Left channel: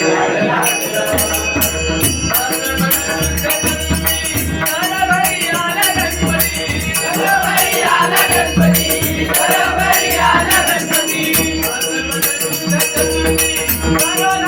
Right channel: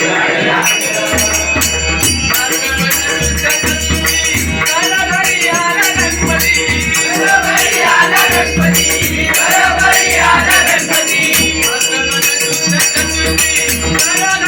No, no, no.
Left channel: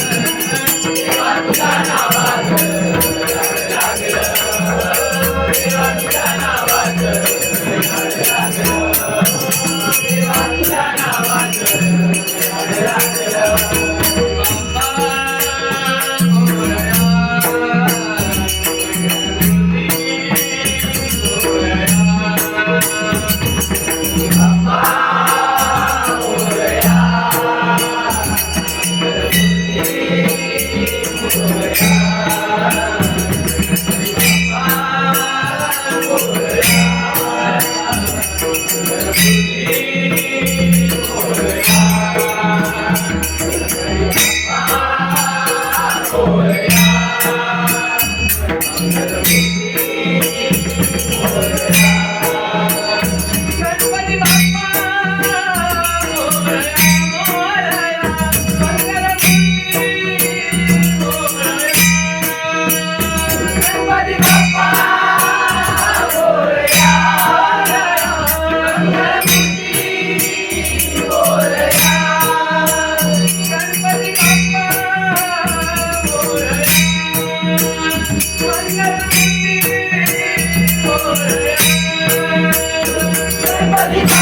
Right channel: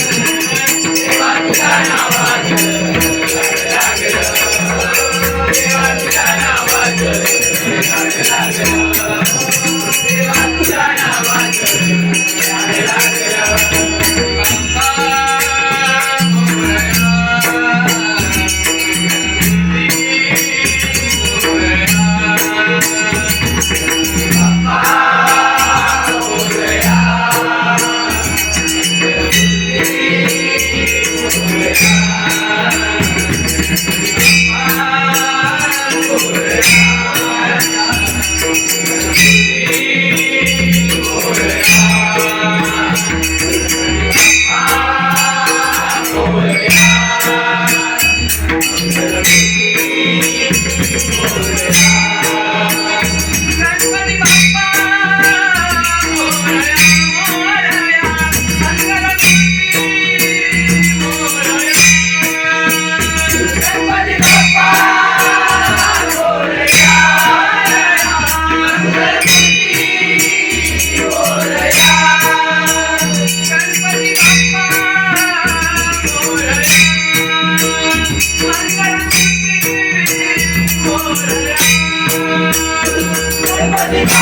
Everybody